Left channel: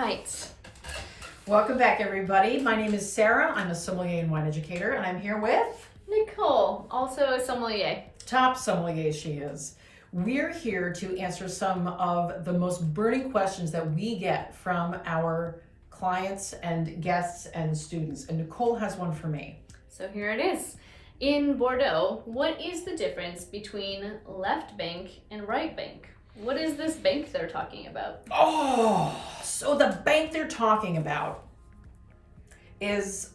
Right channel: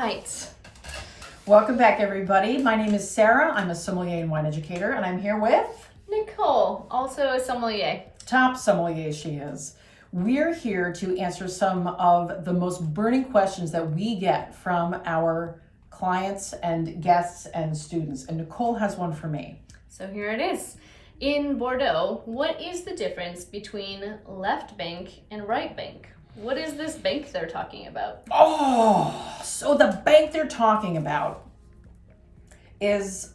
right. Welcome back, everybody. My name is Sarah. I'm a sommelier and wine educator, and I'm here with Nicole, also a sommelier. top sommelier she is. We're here to answer some of the most burning questions that we get from our clients and guests and students. And Nicole has one for me. So here it is. In Bordeaux, what is the difference between left bank and right bank? What is this bank they're talking about? Oh, so the bank they're talking about is,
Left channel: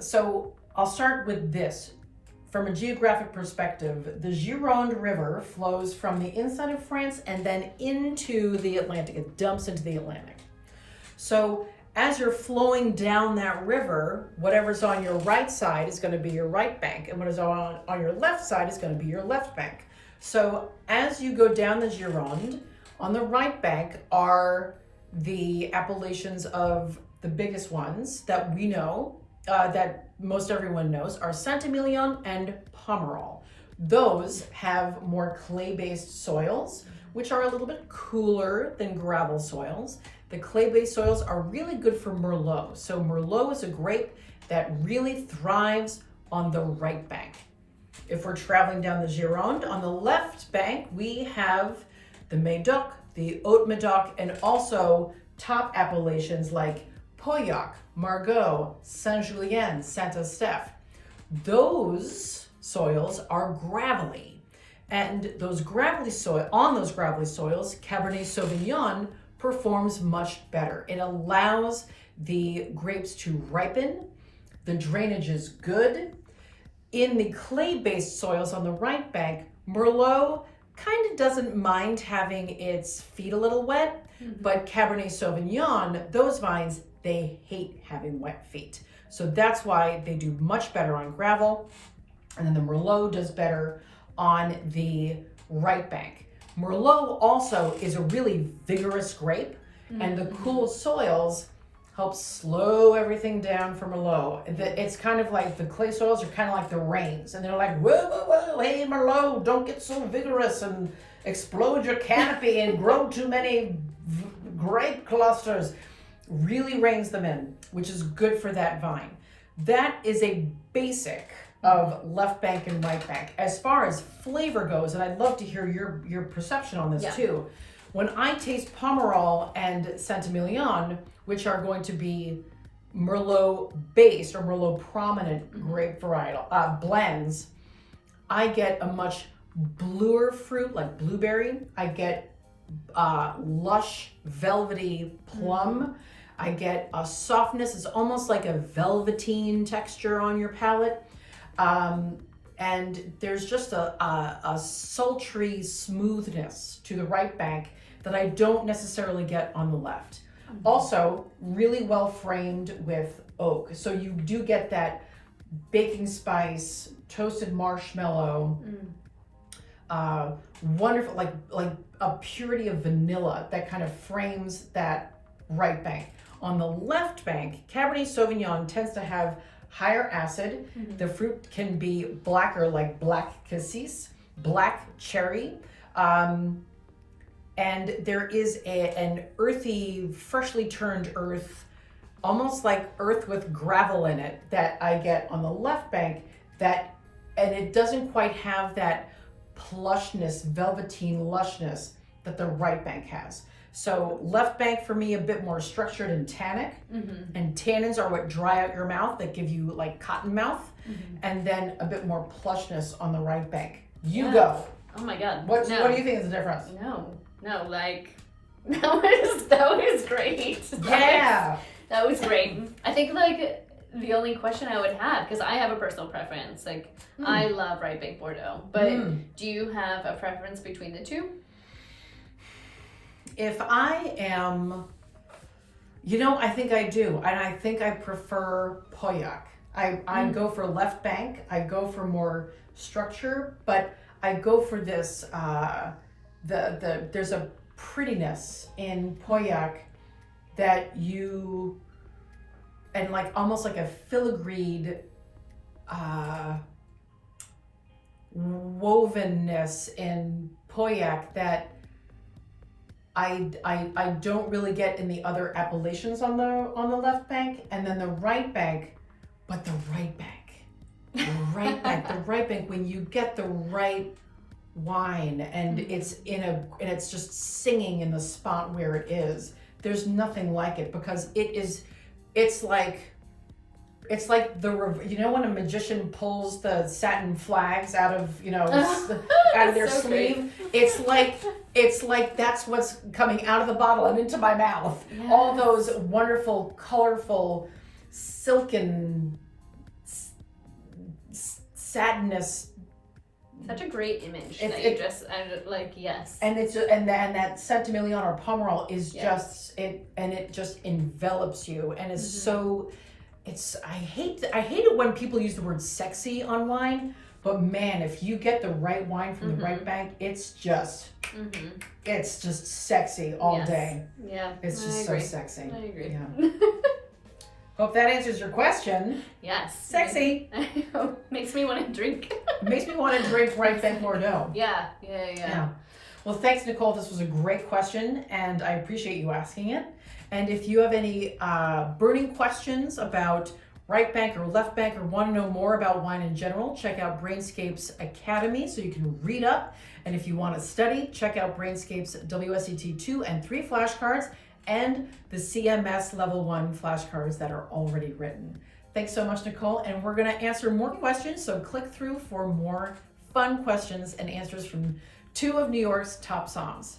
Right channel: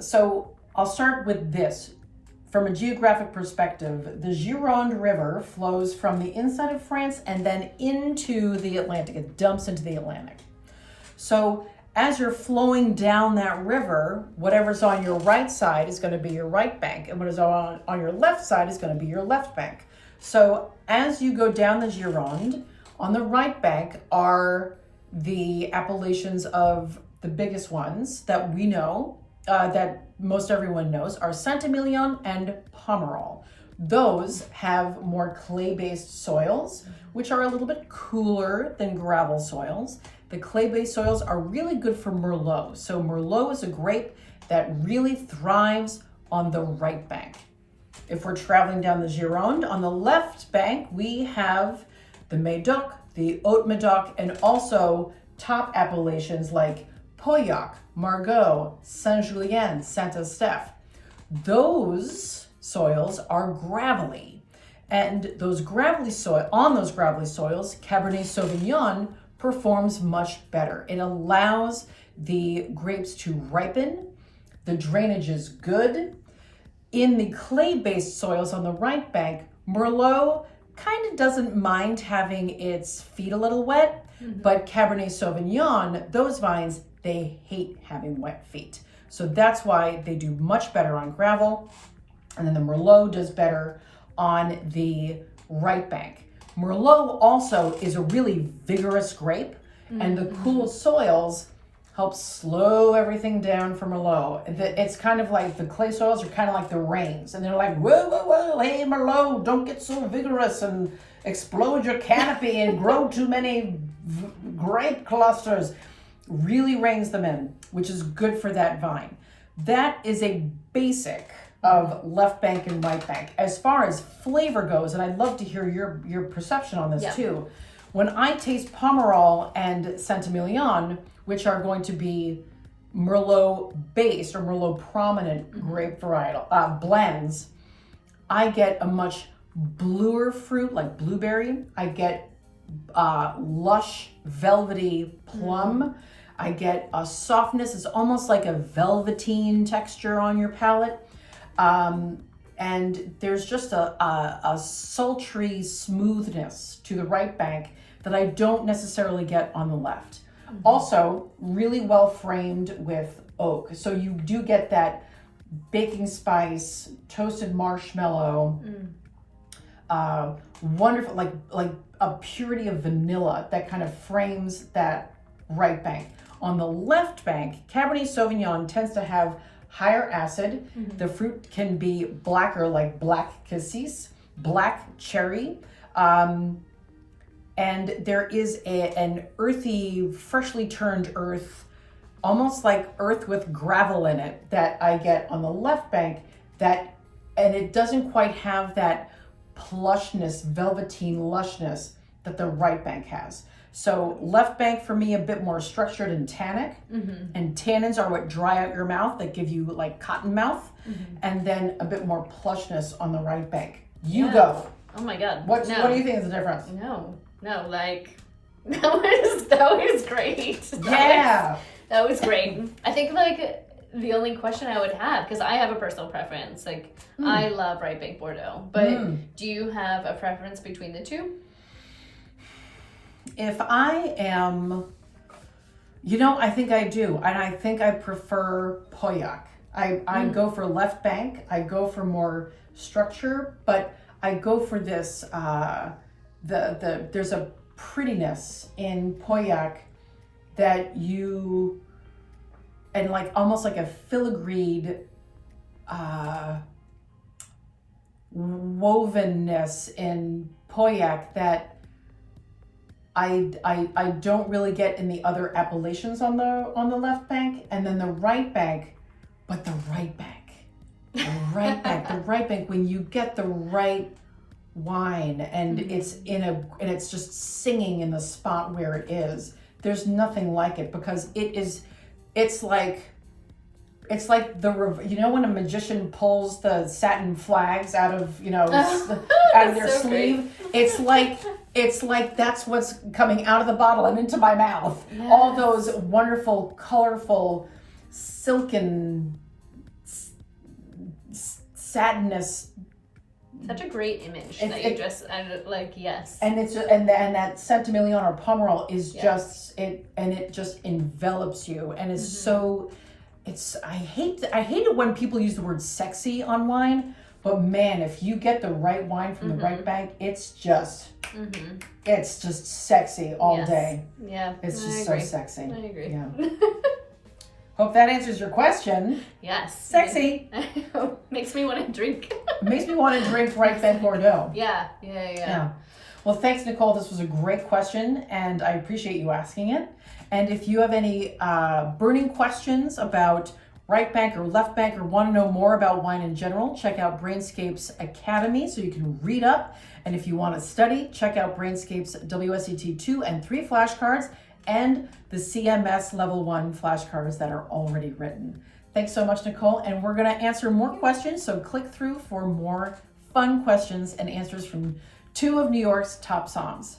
so I'll start with this. From a geographic perspective, the Garonne River flows from the inside of France and then into the Atlantic. It dumps into the Atlantic. So as you're flowing down that river, whatever's on your right side is going to be your right bank, and what is on your left side is going to be your left bank. So as you go down the Gironde, on the right bank are the appellations of the biggest ones that we know, that most everyone knows, are Saint-Emilion and Pomerol. Those have more clay-based soils, which are a little bit cooler than gravel soils. The clay-based soils are really good for Merlot. So Merlot is a grape that really thrives on the right bank. If we're traveling down the Gironde, on the left bank, we have the Médoc, the Haute-Médoc, and also top appellations like Pauillac, Margaux, Saint-Julien, Saint-Estèphe. Those soils are gravelly. And those gravelly on those gravelly soils, Cabernet Sauvignon performs much better. It allows the grapes to ripen. The drainage is good. In the clay-based soils on the right bank, Merlot kind of doesn't mind having its feet a little wet, but Cabernet Sauvignon, those vines, they hate having wet feet. So that's why they do much better on gravel. And then the Merlot does better on the right bank. Merlot also is a really vigorous grape, and the cool soils help slow everything down for Merlot. It's kind of like the clay soils are kind of like the rains, and they're like, whoa, whoa, whoa, hey Merlot, don't get so vigorous and explode your canopy and grow too many grape clusters. Really reins them in, which is good for that vine. That is a basic of left bank and right bank. As far as flavor goes, and I'd love to hear your perception on this too. When I taste Pomerol and Saint-Emilion, which are going to be Merlot based or Merlot prominent grape varietal blends, I get a much bluer fruit like blueberry. I get lush velvety plum. I get a softness. It's almost like a velveteen texture on your palate. And there's just a sultry smoothness to the right bank that I don't necessarily get on the left. Also, really well framed with oak. So you do get that baking spice, toasted marshmallow, wonderful, like a purity of vanilla that kind of frames that right bank. On the left bank, Cabernet Sauvignon tends to have higher acid. The fruit can be blacker, like black cassis, black cherry. And there is an earthy, freshly turned earth, almost like earth with gravel in it, that I get on the left bank, and it doesn't quite have that plushness, velveteen lushness that the right bank has. So left bank for me, a bit more structured and tannic, and tannins are what dry out your mouth, that give you like cotton mouth, and then a bit more plushness on the right bank. You go. Oh my God. What do you think is the difference? No, like, that was great. Yeah. That was great. I think like the only question I would have, because I have a personal preference, like I love right bank Bordeaux, but do you have a preference between the two? If I am, I think I do. And I think I prefer Pauillac. I go for left bank. I go for more structure, but I go for this, there's a prettiness in Pauillac that and like almost like a filigreed wovenness in Pauillac that I don't really get in the other appellations on the left bank, and then the right bank, but the right bank. The right bank, when you get the right wine and it's just singing in the spot where it is, there's nothing like it, because it's like when a magician pulls the satin flags out of out of their So sleeve. It's like that's what's coming out of the bottle and into my mouth. Yes. All those wonderful, colorful, silken satinous. Such a great image that you just yes. And it's and that Saint-Emilion or Pomerol is Yes. it just envelops you, and it's so. I hate it when people use the word sexy on wine, but man, if you get the right wine from the right bank, it's just sexy all day. Yeah, It's just so sexy. I agree. Yeah. Hope that answers your question. Yes. Sexy. Makes me want to drink. Makes me want to drink right bank Bordeaux. Yeah. Well, thanks, Nicole. This was a great question, and I appreciate you asking it. And if you have any burning questions about right bank or left bank, or want to know more about wine in general, check out Brainscape's Academy so you can read up. And if you want to study, check out Brainscape's WSET 2 and 3 flashcards and the CMS Level 1 flashcards that are already written. Thanks so much, Nicole. And we're going to answer more questions, so click through for more fun questions and answers from 2 of New York's top somms.